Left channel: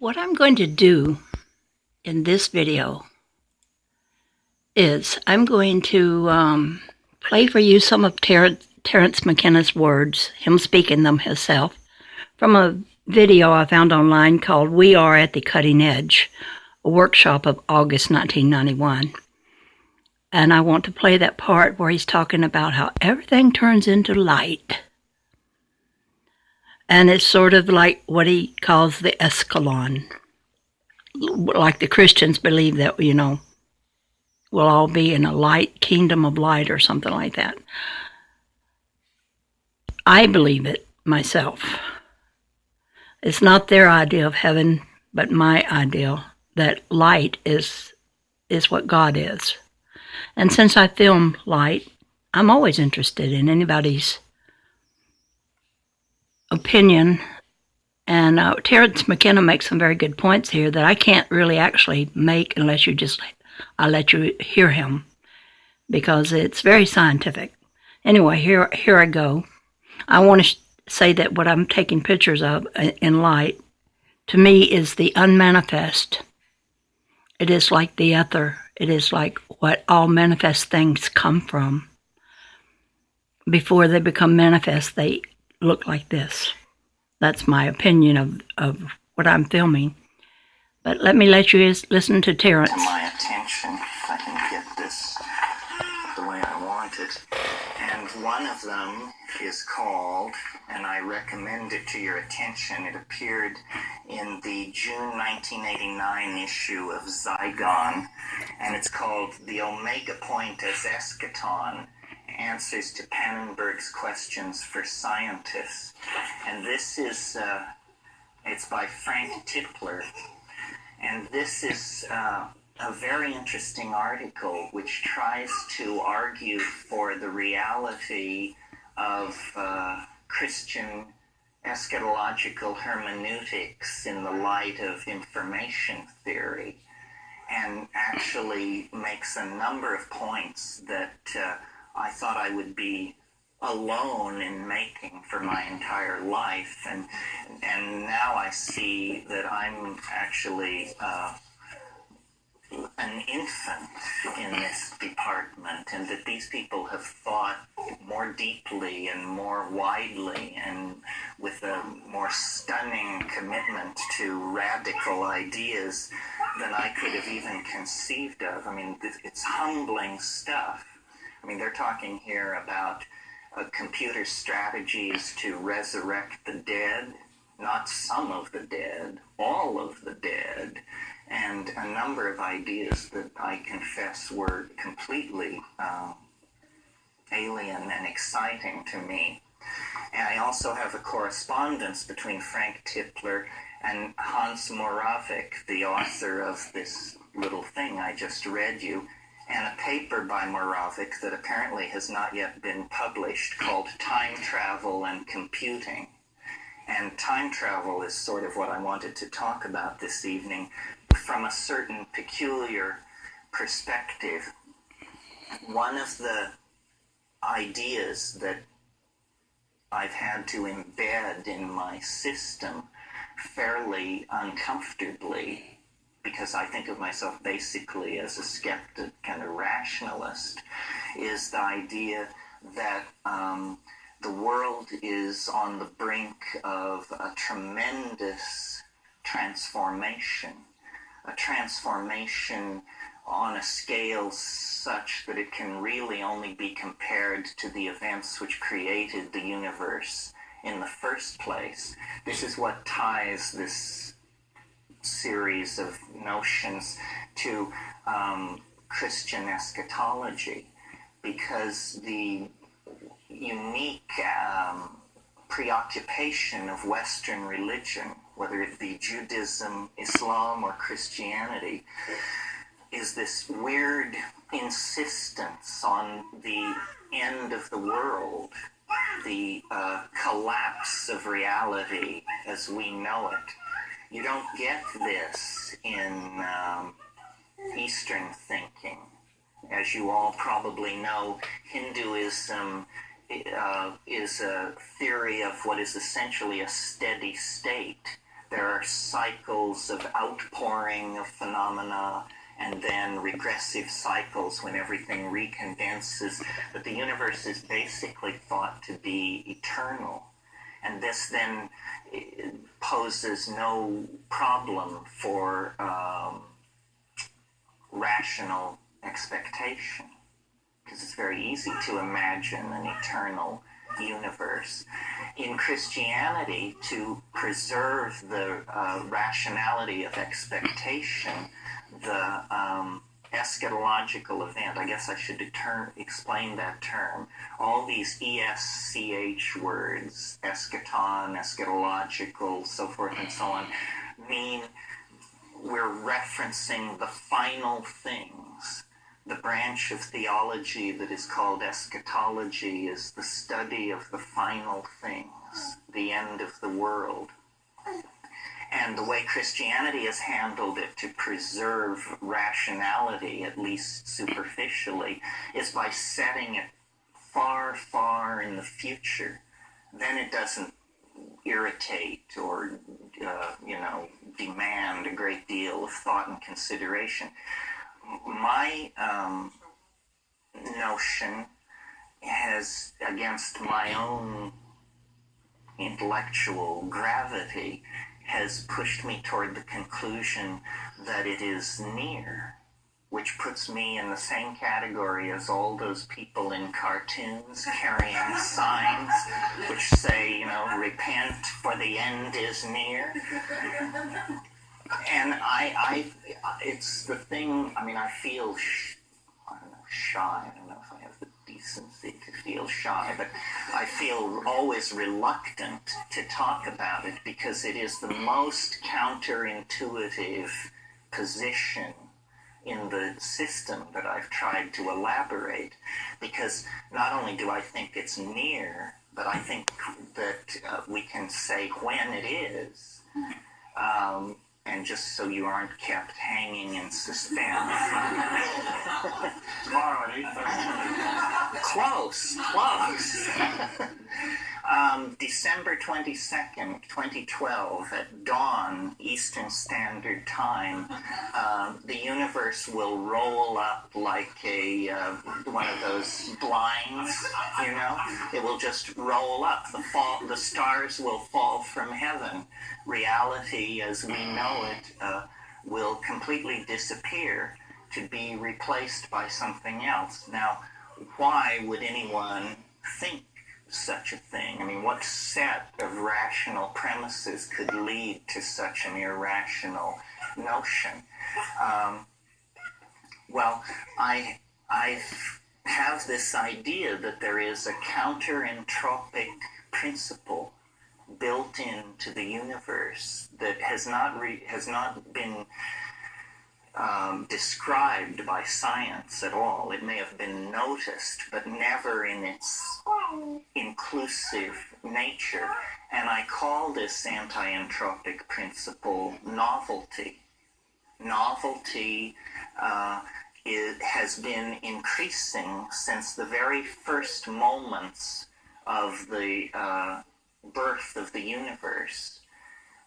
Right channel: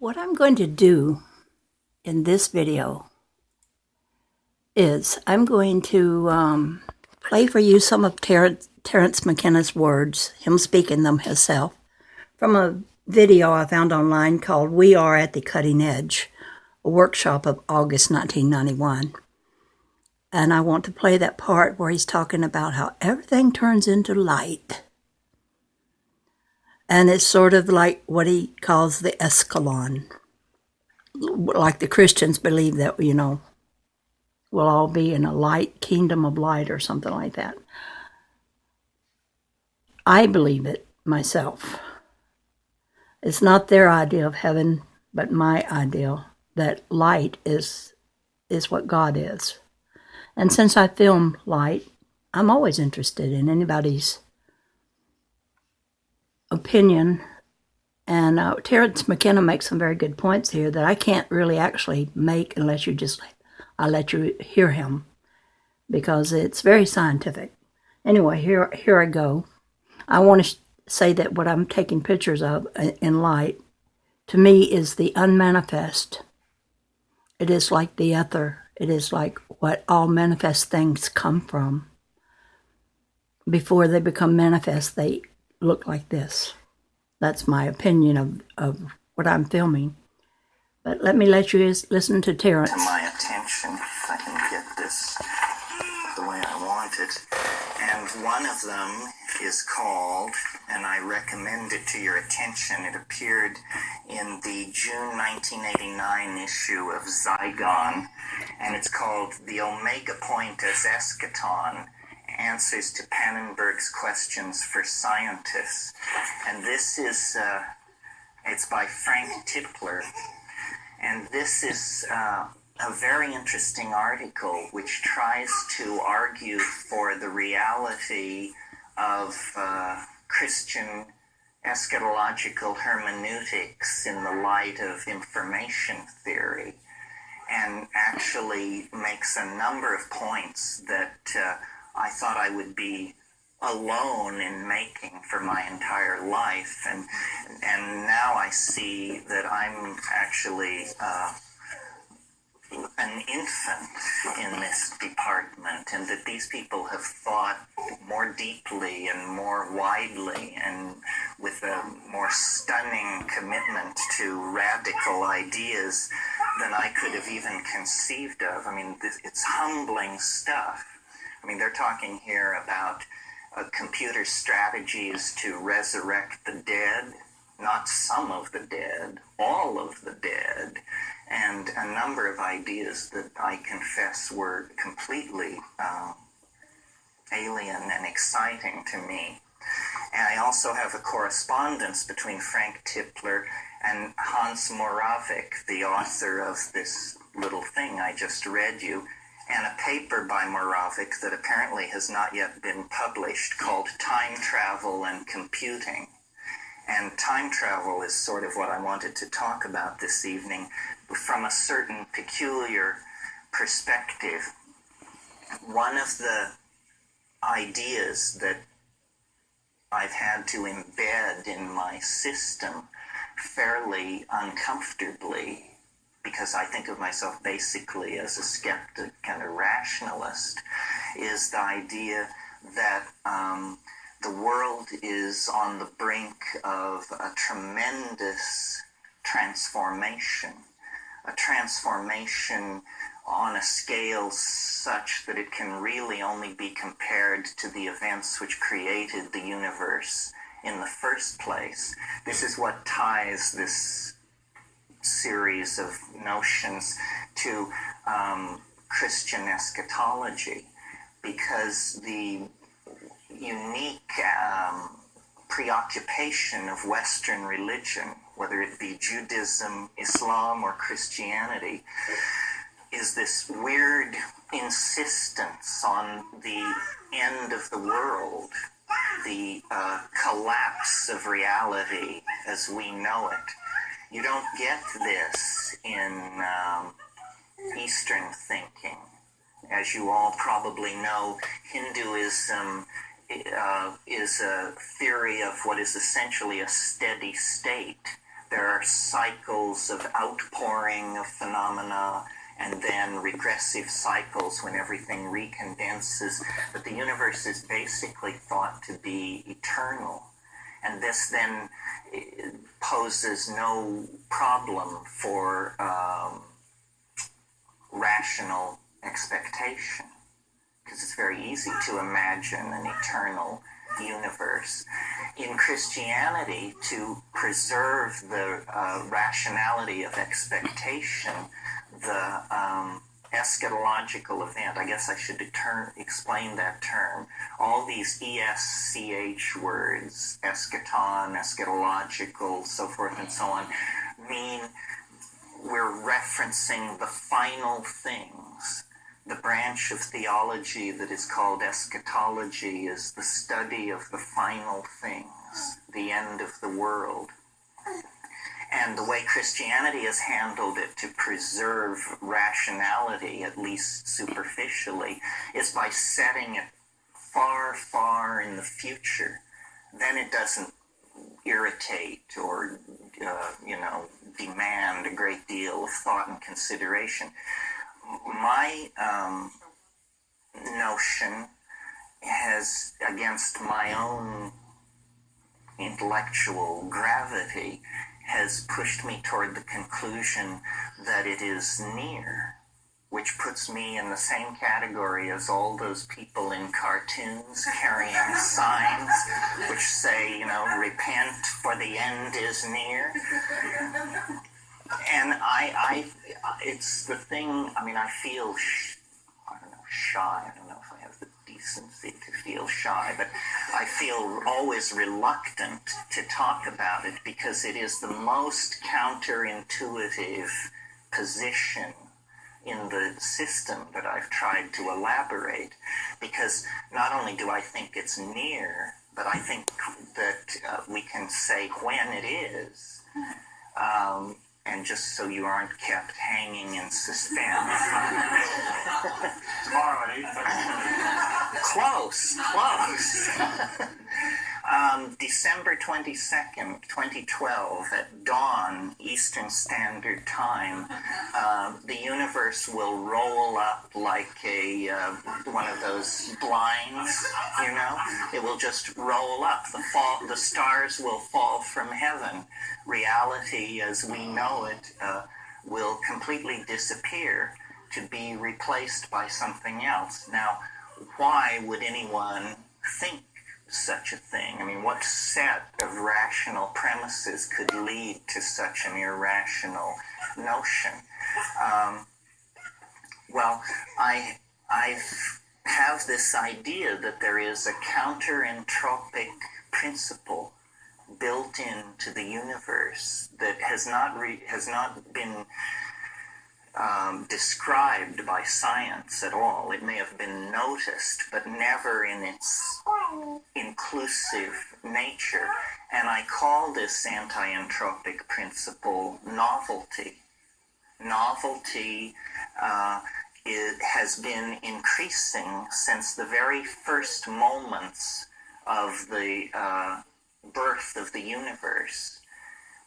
What I'm going to do in this video is I'm going to play for you some of Terrence McKenna's words, him speaking them himself, from a video I found online called We Are at the Cutting Edge, a workshop of August 1991. And I want to play that part where he's talking about how everything turns into light. And it's sort of like what he calls the escalon. Like the Christians believe that, we'll all be in a light, kingdom of light or something like that. I believe it myself. It's not their idea of heaven, but my ideal that light is what God is. And since I film light, I'm always interested in anybody's opinion. And Terrence McKenna makes some very good points here that I can't really actually make unless I let you hear him, because it's very scientific. Anyway, here I go. I want to say that what I'm taking pictures of in light, to me, is the unmanifest. It is like the ether. It is like what all manifest things come from. Before they become manifest, they look like this. That's my opinion of what I'm filming. But let you listen to Terrence. To my attention, if I can get this the way I want it. And one of them is called, and I recommend it to your attention, it appeared in the June 1989 issue of Zygon, and it's called The Omega Point as Eschaton, Answers to Pannenberg's Questions for Scientists. And this is, it's by Frank Tipler. And this is a very interesting article which tries to argue for the reality of Christian eschatological hermeneutics in the light of information theory, and actually makes a number of points that I thought I would be alone in making for my entire life, and now I see that I'm actually an infant in this department, and that these people have thought more deeply and more widely and with a more stunning commitment to radical ideas than I could have even conceived of. I mean, it's humbling stuff. I mean, they're talking here about computer strategies to resurrect the dead, not some of the dead, all of the dead, and a number of ideas that I confess were completely alien and exciting to me. And I also have a correspondence between Frank Tipler and Hans Moravec, the author of this little thing I just read you, and a paper by Moravec that apparently has not yet been published called Time Travel and Computing. And time travel is sort of what I wanted to talk about this evening from a certain peculiar perspective. One of the ideas that I've had to embed in my system fairly uncomfortably, because I think of myself basically as a skeptic and a rationalist, is the idea that the world is on the brink of a tremendous transformation, a transformation on a scale such that it can really only be compared to the events which created the universe in the first place. This is what ties this series of notions to Christian eschatology, because the unique preoccupation of Western religion, whether it be Judaism, Islam, or Christianity, is this weird insistence on the end of the world, the collapse of reality as we know it. You don't get this in Eastern thinking. As you all probably know, Hinduism is a theory of what is essentially a steady state, There are cycles of outpouring of phenomena and then regressive cycles when everything recondenses. But the universe is basically thought to be eternal. And this then poses no problem for rational expectation, because it's very easy to imagine an eternal universe. In Christianity, to preserve the rationality of expectation, the eschatological event, I guess I should explain that term. All these ESCH words, eschaton, eschatological, so forth and so on, mean we're referencing the final things. The branch of theology that is called eschatology is the study of the final things, the end of the world. And the way Christianity has handled it to preserve rationality, at least superficially, is by setting it far, far in the future. Then it doesn't irritate or, demand a great deal of thought and consideration. My notion has, against my own intellectual gravity, has pushed me toward the conclusion that it is near, which puts me in the same category as all those people in cartoons carrying signs which say, repent for the end is near. And it's the thing, I feel, shy. I don't know if I have the decency to feel shy, but I feel always reluctant to talk about it because it is the most counterintuitive position in the system that I've tried to elaborate, because not only do I think it's near, but I think that we can say when it is. And just so you aren't kept hanging in suspense. Tomorrow at 8:30. Close. December 22nd, 2012, at dawn, Eastern Standard Time, the universe will roll up like one of those blinds, It will just roll up. The stars will fall from heaven. Reality as we know it will completely disappear to be replaced by something else. Now, why would anyone think such a thing? What set of rational premises could lead to such an irrational notion? I have this idea that there is a counter-entropic principle built into the universe that has not been described by science at all. It may have been noticed, but never in its inclusive nature. And I call this anti-entropic principle novelty. Novelty has been increasing since the very first moments of the birth of the universe.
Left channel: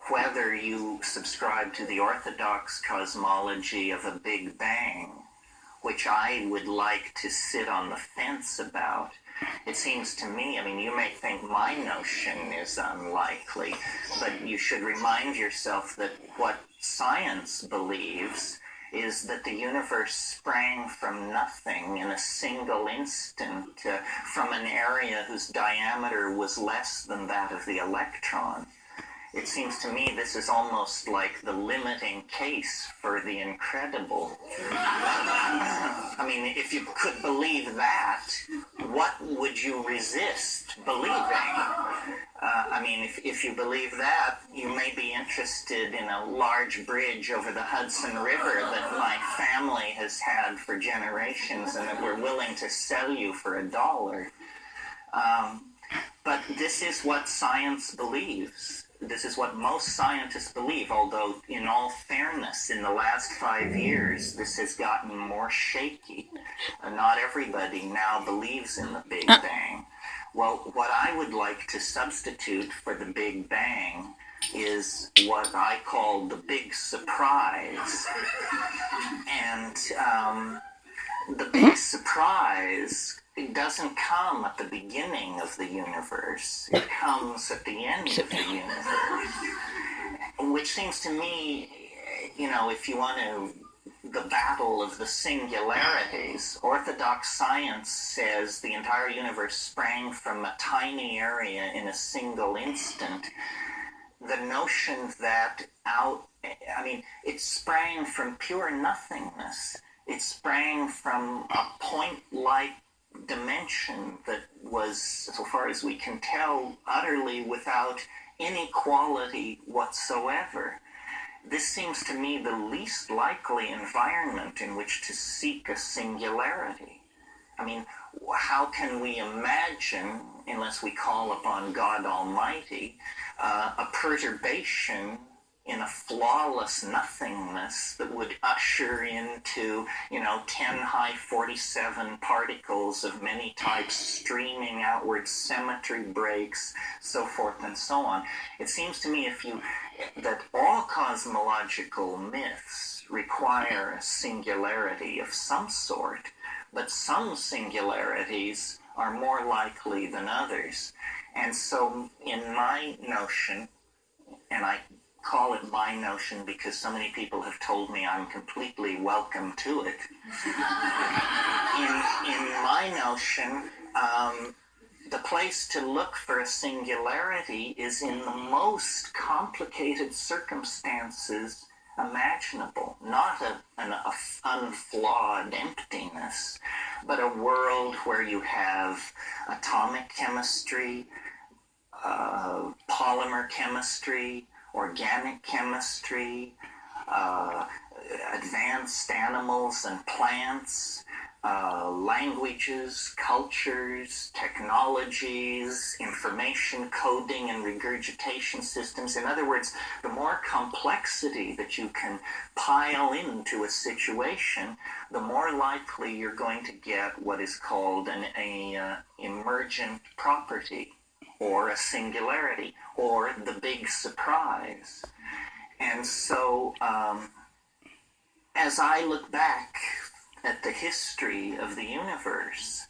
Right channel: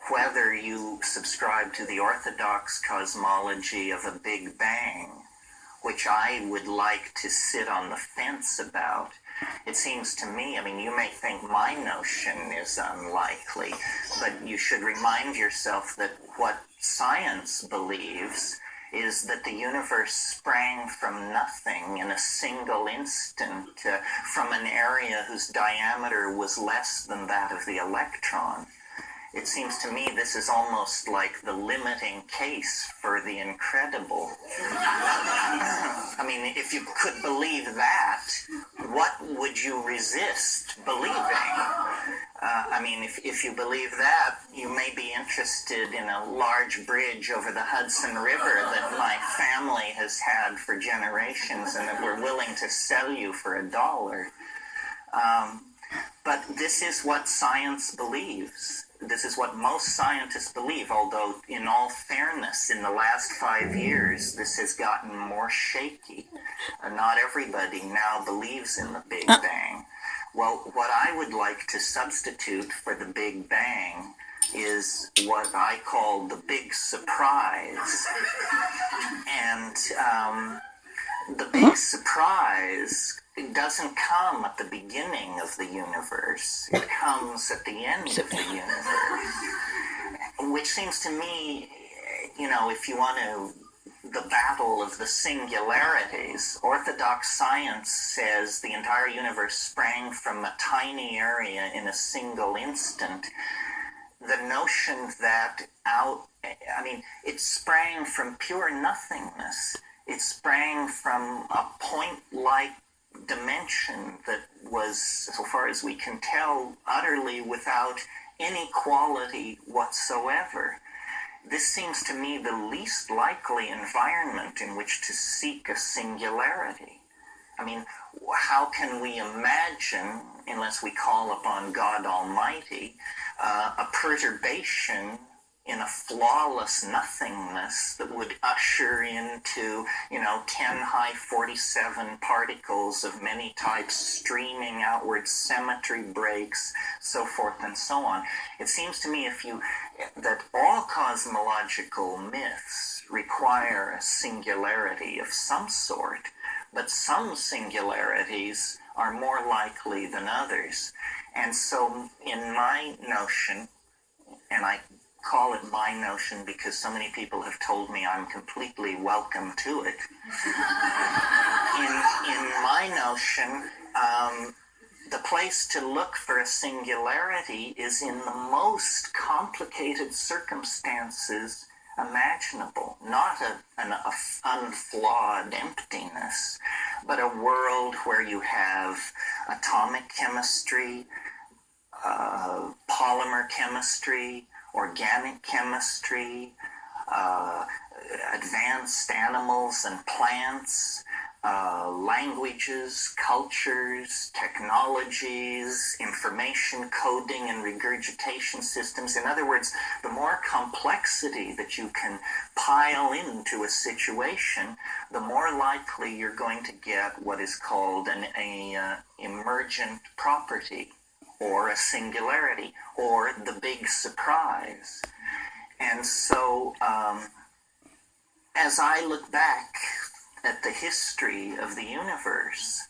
Whether you subscribe to the orthodox cosmology of a Big Bang, which I would like to sit on the fence about, it seems to me, you may think my notion is unlikely, but you should remind yourself that what science believes is that the universe sprang from nothing in a single instant from an area whose diameter was less than that of the electron. It seems to me this is almost like the limiting case for the incredible. If you could believe that, what would you resist believing? If you believe that, you may be interested in a large bridge over the Hudson River that my family has had for generations and that we're willing to sell you for $1. But this is what science believes. This is what most scientists believe, although in all fairness, in the last 5 years, this has gotten more shaky. Not everybody now believes in the Big Bang. Well, what I would like to substitute for the Big Bang is what I call the big surprise. And the big surprise, it doesn't come at the beginning of the universe. It comes at the end of the universe. Which seems to me, if you want to, the battle of the singularities. Orthodox science says the entire universe sprang from a tiny area in a single instant. The notion that it sprang from pure nothingness. It sprang from a point-like dimension that was, so far as we can tell, utterly without any quality whatsoever. This seems to me the least likely environment in which to seek a singularity. I mean, how can we imagine, unless we call upon God Almighty, a perturbation in a flawless nothingness that would usher into, 10 high 47 particles of many types streaming outward, symmetry breaks, so forth and so on. It seems to me that all cosmological myths require a singularity of some sort, but some singularities are more likely than others. And so in my notion, and I call it my notion because so many people have told me I'm completely welcome to it. In my notion, the place to look for a singularity is in the most complicated circumstances imaginable. Not an unflawed emptiness, but a world where you have atomic chemistry, polymer chemistry, organic chemistry, advanced animals and plants, languages, cultures, technologies, information coding and regurgitation systems. In other words, the more complexity that you can pile into a situation, the more likely you're going to get what is called an emergent property, or a singularity, or the big surprise. And so, as I look back at the history of the universe,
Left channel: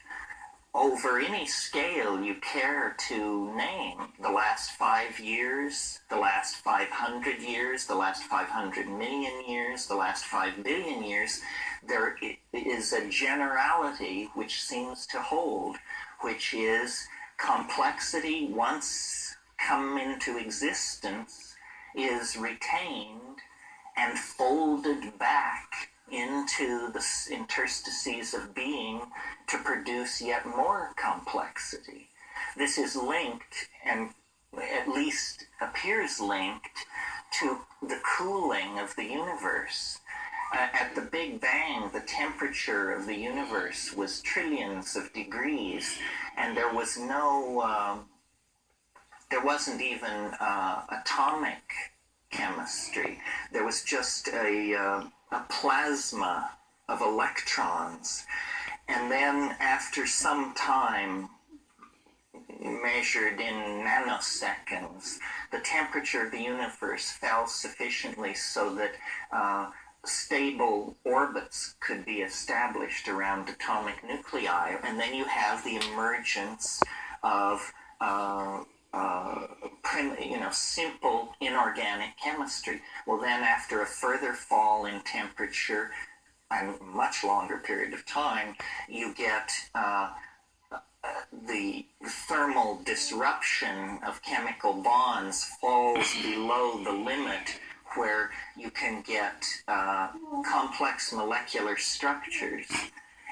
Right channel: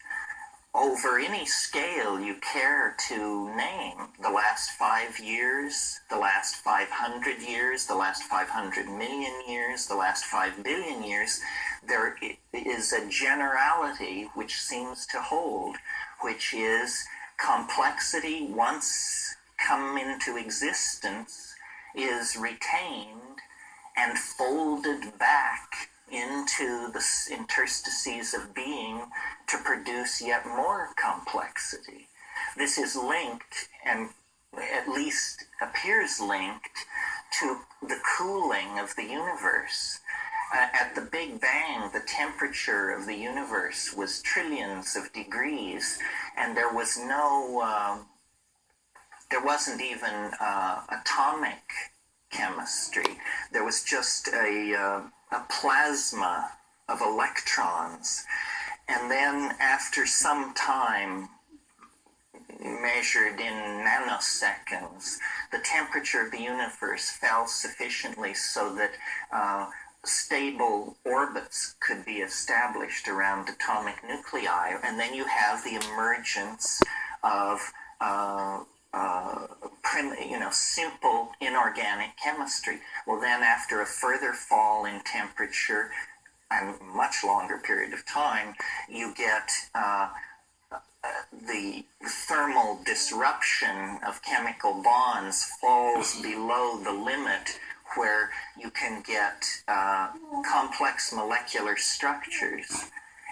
over any scale you care to name, the last 5 years, the last 500 years, the last 500 million years, the last 5 billion years, there is a generality which seems to hold, which is complexity, once come into existence, is retained and folded back into the interstices of being to produce yet more complexity. This is linked, and at least appears linked, to the cooling of the universe. At the Big Bang, the temperature of the universe was trillions of degrees, and there wasn't even atomic chemistry. There was just a plasma of electrons. And then after some time, measured in nanoseconds, the temperature of the universe fell sufficiently so that stable orbits could be established around atomic nuclei, and then you have the emergence of simple inorganic chemistry. Well, then after a further fall in temperature and much longer period of time, you get the thermal disruption of chemical bonds falls below the limit where you can get complex molecular structures,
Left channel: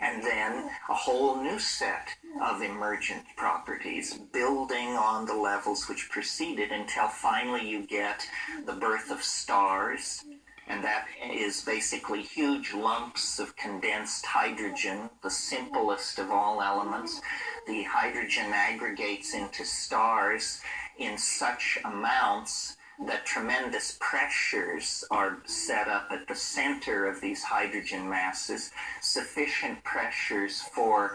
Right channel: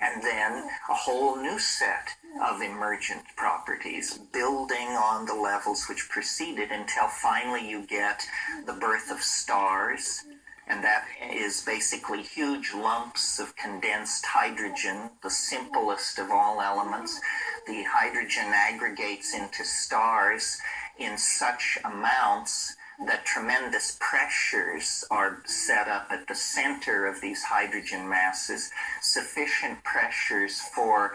and then a whole new set of emergent properties building on the levels which preceded until finally you get the birth of stars, and that is basically huge lumps of condensed hydrogen, the simplest of all elements. The hydrogen aggregates into stars in such amounts that tremendous pressures are set up at the center of these hydrogen masses, sufficient pressures for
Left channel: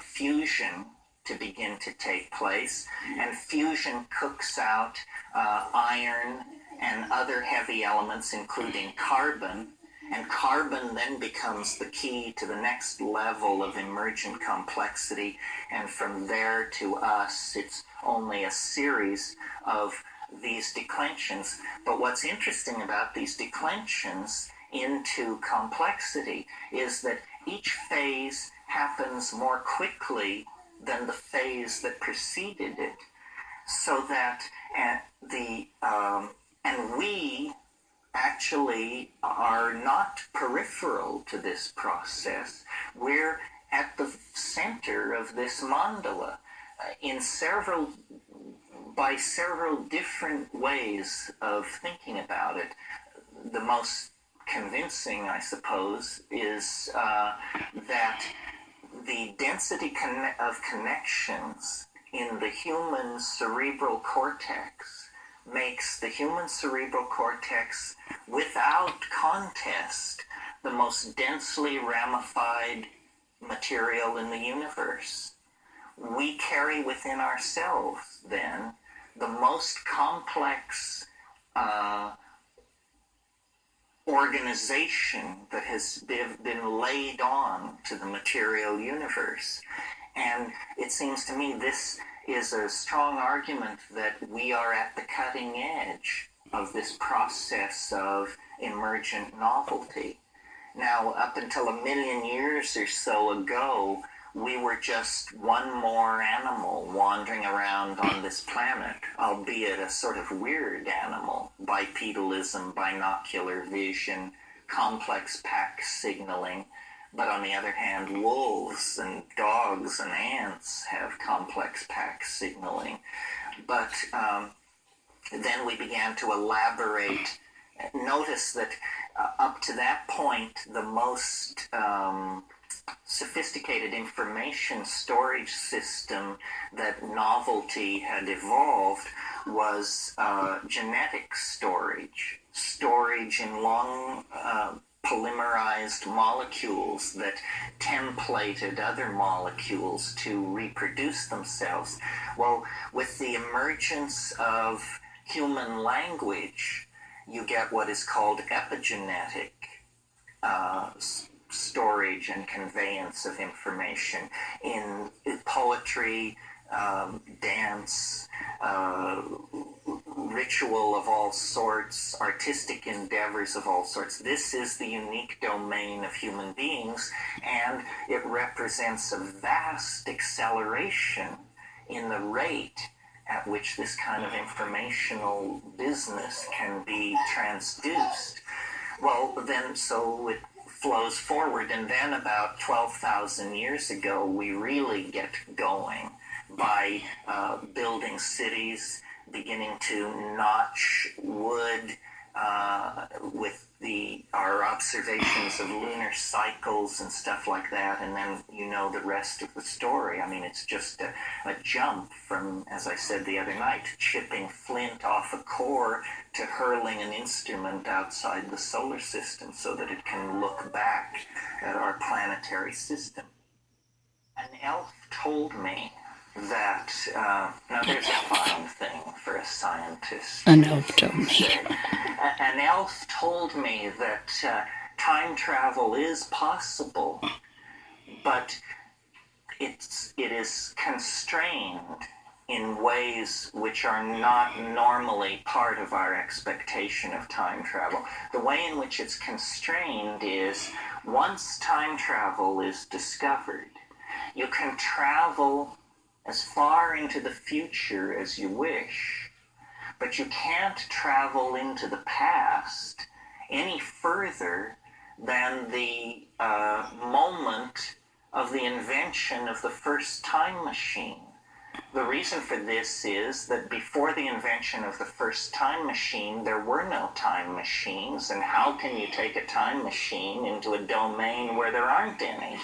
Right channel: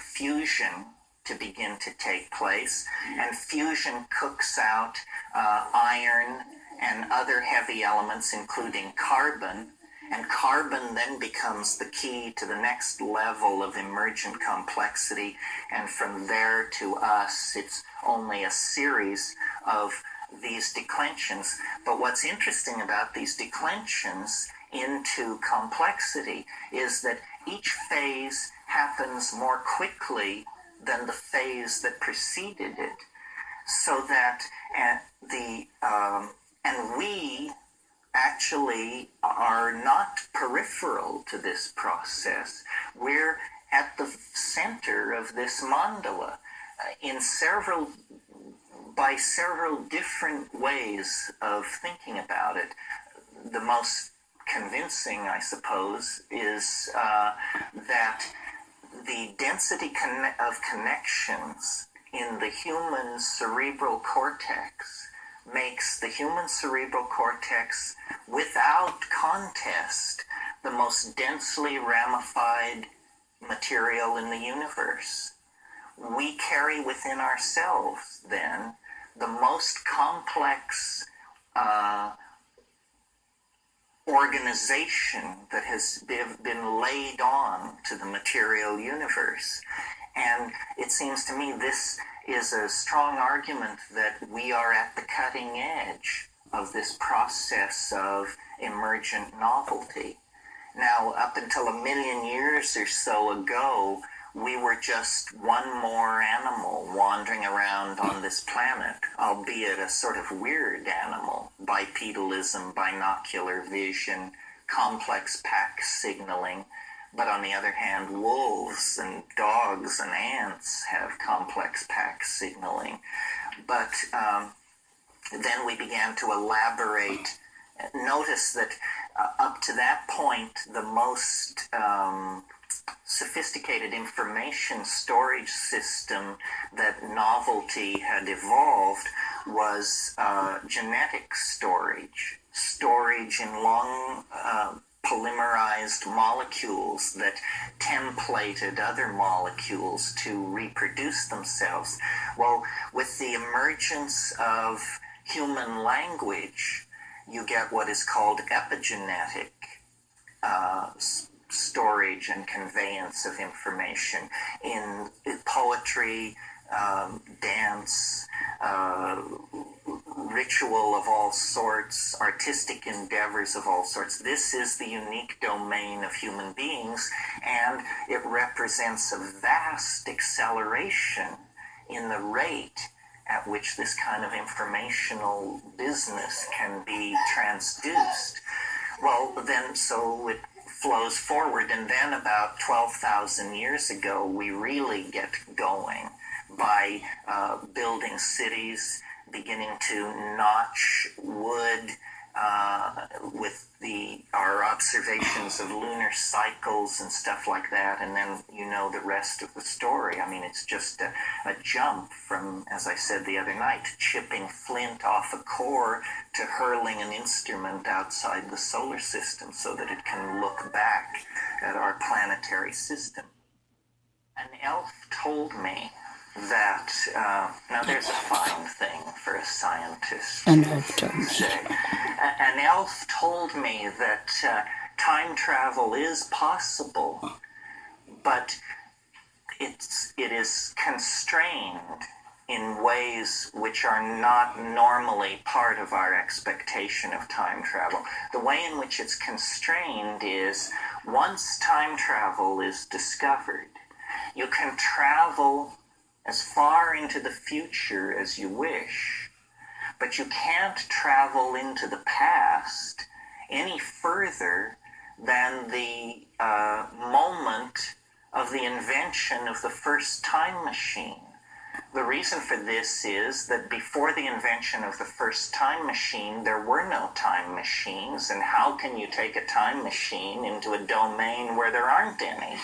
fusion to begin to take place, and fusion cooks out iron and other heavy elements, including carbon, and carbon then becomes the key to the next level of emergent complexity, and from there to us, it's only a series of these declensions. But what's interesting about these declensions into complexity is that each phase happens more quickly than the phase that preceded it, so that and we actually are not peripheral to this process. We're at the center of this mandala by several different ways of thinking about it. The most convincing, I suppose, is that the density of connections in the human cerebral cortex makes the human cerebral cortex, without contest, the most densely ramified material in the universe. We carry within ourselves, then, the most complex organization that has been laid on to the material universe. And it seems to me this is a strong argument that we are at the cutting edge of this process of emergent novelty. Now, up until 1 million years or so ago, we were just one more animal wandering around on this planet, albeit a sort of weird animal. Bipedalism, binocular vision, complex pack signaling. But on the other hand, wolves and dogs and ants have complex pack signaling. But then we began to elaborate. Notice that up to that point, the most sophisticated information storage system that novelty had evolved was genetic storage in long polymerized molecules that templated other molecules to reproduce themselves. Well, with the emergence of human language, you get what is called epigenetic storage and conveyance of information in poetry, dance, ritual of all sorts, artistic endeavors of all sorts. This is the unique domain of human beings, and it represents a vast acceleration in the rate at which this kind of informational business can be transduced. Well, then, so it flows forward, and then about 12,000 years ago, we really get going by building cities, beginning to notch wood with our observations of lunar cycles and stuff like that, and then you know the rest of the story. I mean, it's just a jump from, as I said the other night, chipping flint off a core to hurling an instrument outside the solar system so that it can look back at our planetary system. An elf told me that, now there's a fine thing for a scientist. An elf told me. An elf told me that time travel is possible, but it is constrained in ways which are not normally part of our expectation of time travel. The way in which it's constrained is, once time travel is discovered, you can travel as far into the future as you wish, but you can't travel into the past any further than the moment of the invention of the first time machine. The reason for this is that before the invention of the first time machine, there were no time machines, and how can you take a time machine into a domain where there aren't any?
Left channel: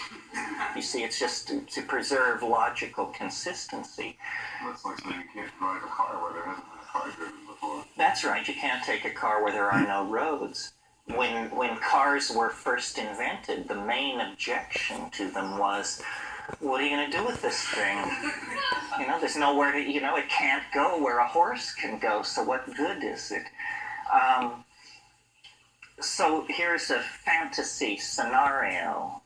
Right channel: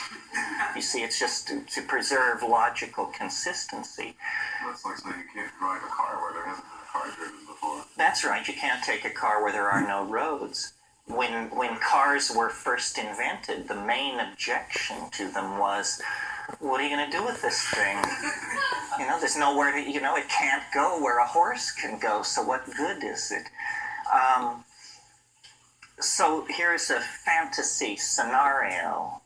You see, it's just to preserve logical consistency. That's like saying you can't drive a car where there hasn't been a car driven before. That's right, you can't take a car where there are no roads. When cars were first invented, the main objection to them was, what are you going to do with this thing? There's nowhere to, it can't go where a horse can go, so what good is it? So here's a fantasy scenario,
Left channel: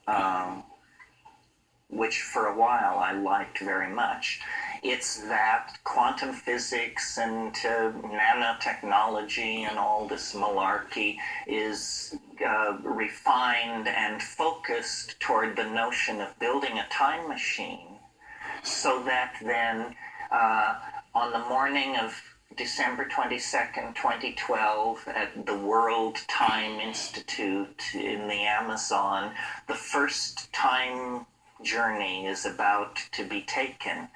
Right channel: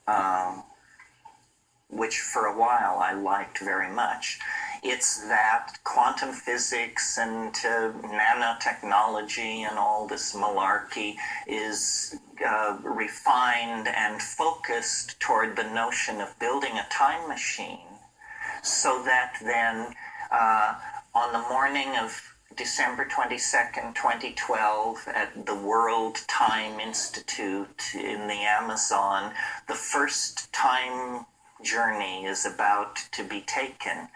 which for a while I liked very much. It's that quantum physics and nanotechnology and all this malarkey is refined and focused toward the notion of building a time machine, so that then on the morning of December 22nd, 2012, at the World Time Institute in the Amazon, the first time journey is about to be taken,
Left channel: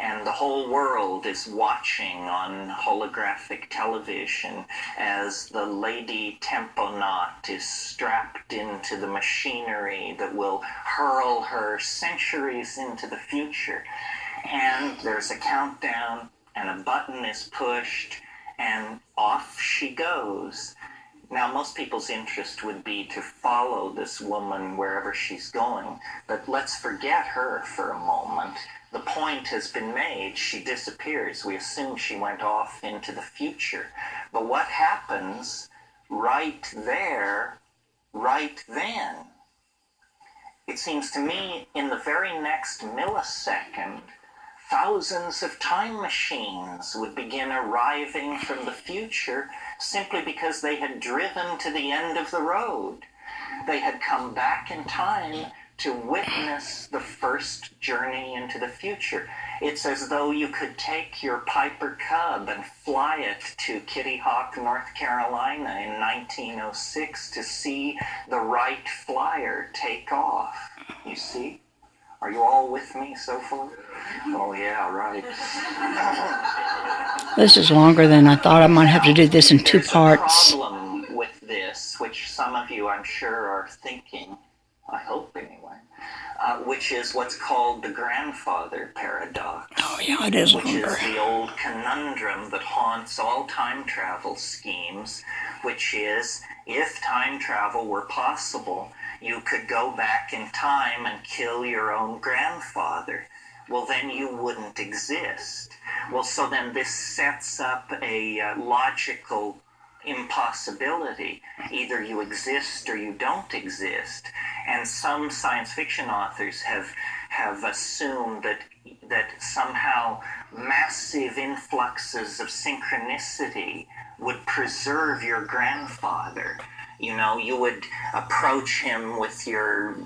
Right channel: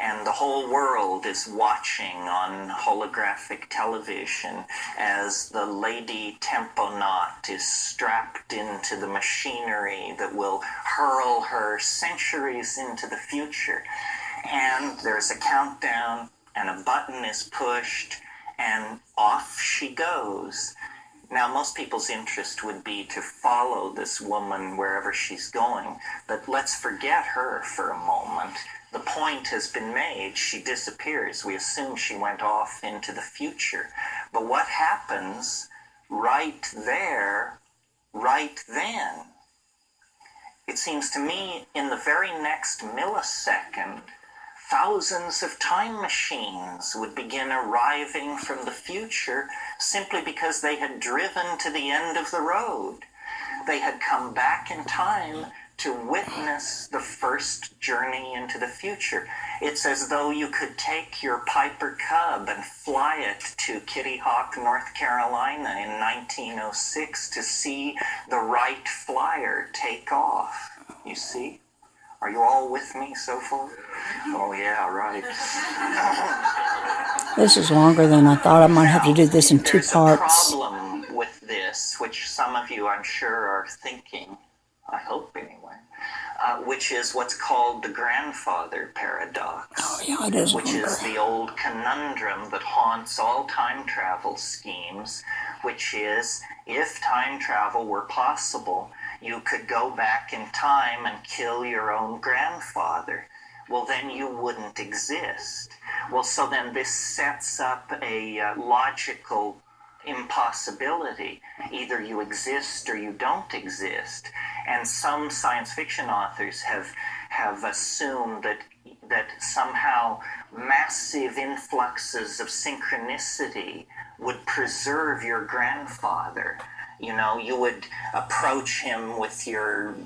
and the whole world is watching on holographic television as the Lady Temponaut is strapped into the machinery that will hurl her centuries into the future. And there's a countdown, and a button is pushed, and off she goes. Now, most people's interest would be to follow this woman wherever she's going, but let's forget her for a moment. The point has been made. She disappears. We assume she went off into the future. But what happens right there, right then? It seems to me in the very next millisecond, thousands of time machines would begin arriving from the future simply because they had driven to the end of the road. They had come back in time to witness the first journey into the future. It's as though you could take your Piper Cub and fly it to Kitty Hawk, North Carolina in 1906 to see the Wright Flyer take off. You see? Are you all with me so far? Oh, yeah, right. This is longer than I thought. I might have to do this in two parts. There's a problem with this, which some of you, I'm sure, are thinking, I hope anyway, which is what's called the grandfather paradox. Oh, yeah, it is longer. Which is the old conundrum that haunts all time travel schemes, which is, if time travel were possible, you could go back in time and kill your own grandfather. Well, then you wouldn't exist. Well, so then this sets up a logical impossibility. Either you exist or you don't exist. And some science fiction authors have assumed that somehow massive influxes of synchronicity would preserve your grandfather. You would approach him with your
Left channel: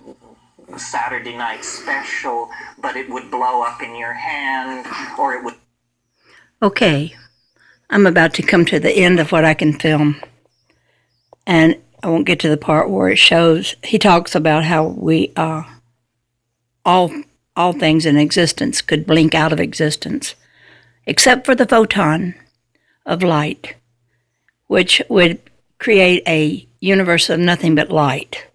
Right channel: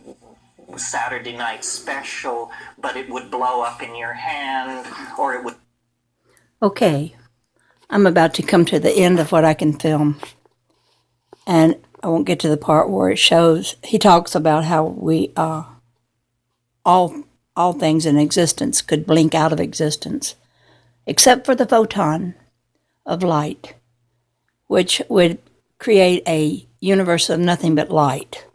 Saturday night special, but it would blow up in your hand, or it would... Okay, I'm about to come to the end of what I can film, and I won't get to the part where it shows, he talks about how we, all things in existence could blink out of existence, except for the photon of light, which would create a universe of nothing but light.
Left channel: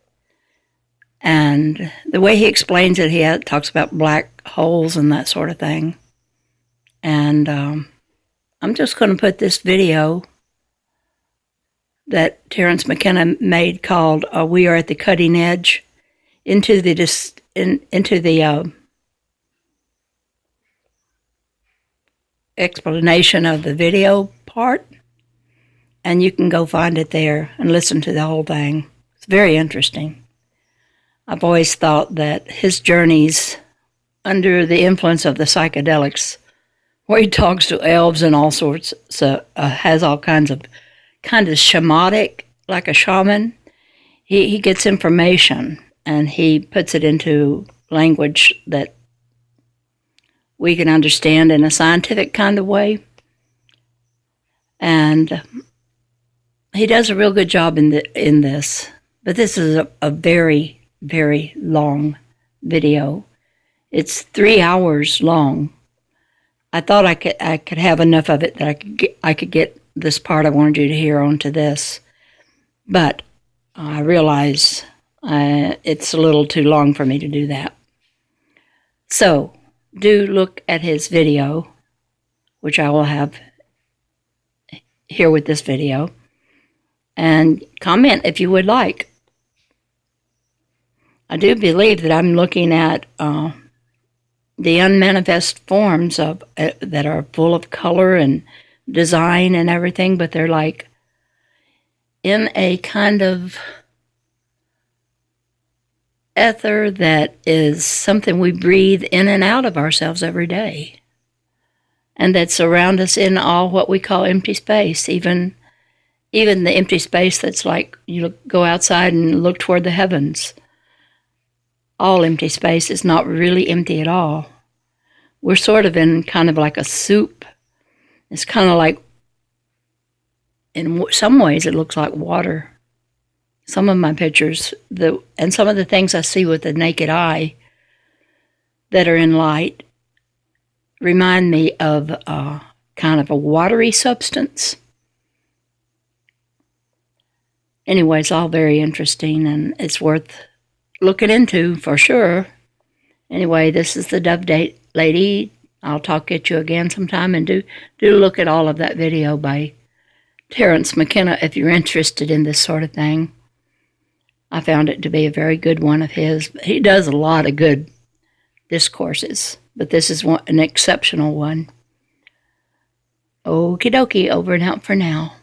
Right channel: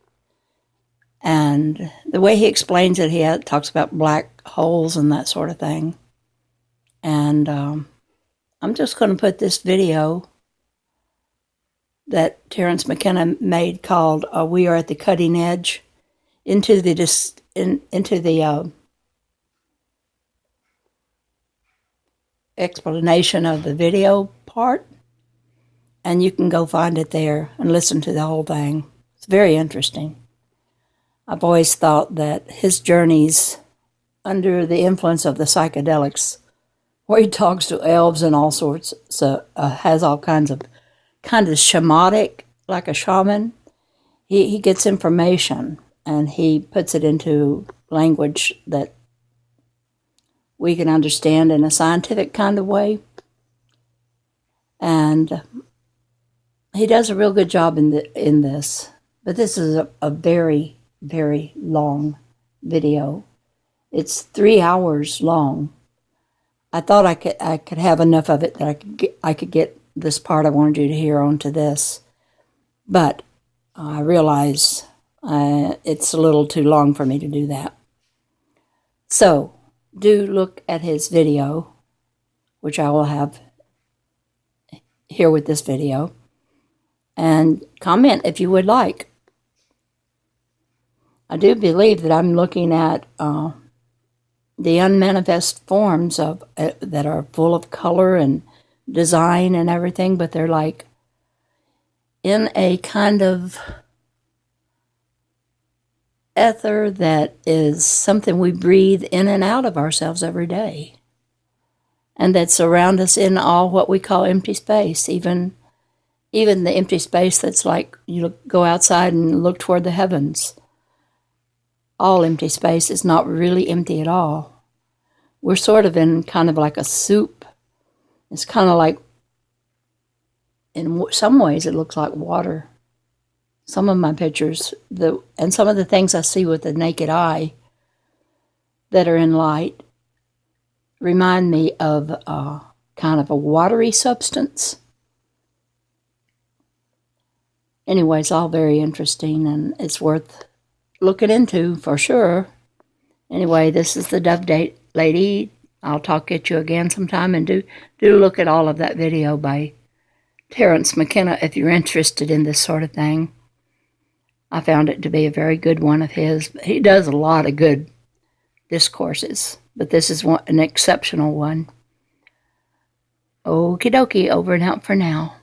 And the way he explains it, he talks about black holes and that sort of thing. And I'm just going to put this video that Terrence McKenna made called "We Are at the Cutting Edge" into the explanation of the video part. And you can go find it there and listen to the whole thing. It's very interesting. I've always thought that his journeys under the influence of the psychedelics, where he talks to elves and all sorts, so has all kinds of shamanic, like a shaman. He gets information and he puts it into language that we can understand in a scientific kind of way. And he does a real good job in this, but this is a very, very long video. It's 3 hours long. I thought I could have enough of it that I could get this part I wanted you to hear onto this, but I realize it's a little too long for me to do that. So do look at his video, which I will have here with this video, and comment if you would like. I do believe that I'm looking at the unmanifest forms of that are full of color and design and everything, but they're like in a kind of ether that is something we breathe in and out of ourselves every day, and that surround us in all what we call empty space, even the empty space that's like you go outside and look toward the heavens. All empty space is not really empty at all. We're sort of in kind of like a soup. It's kind of like, in some ways, it looks like water. Some of my pictures, and some of the things I see with the naked eye that are in light, remind me of kind of a watery substance. Anyway, it's all very interesting, and it's worth looking into for sure. Anyway, this is the Dove Date Lady. I'll talk at you again sometime, and do look at all of that video by Terrence McKenna if you're interested in this sort of thing. I found it to be a very good one of his. He does a lot of good discourses, but this is an exceptional one. Okie dokie, over and out for now.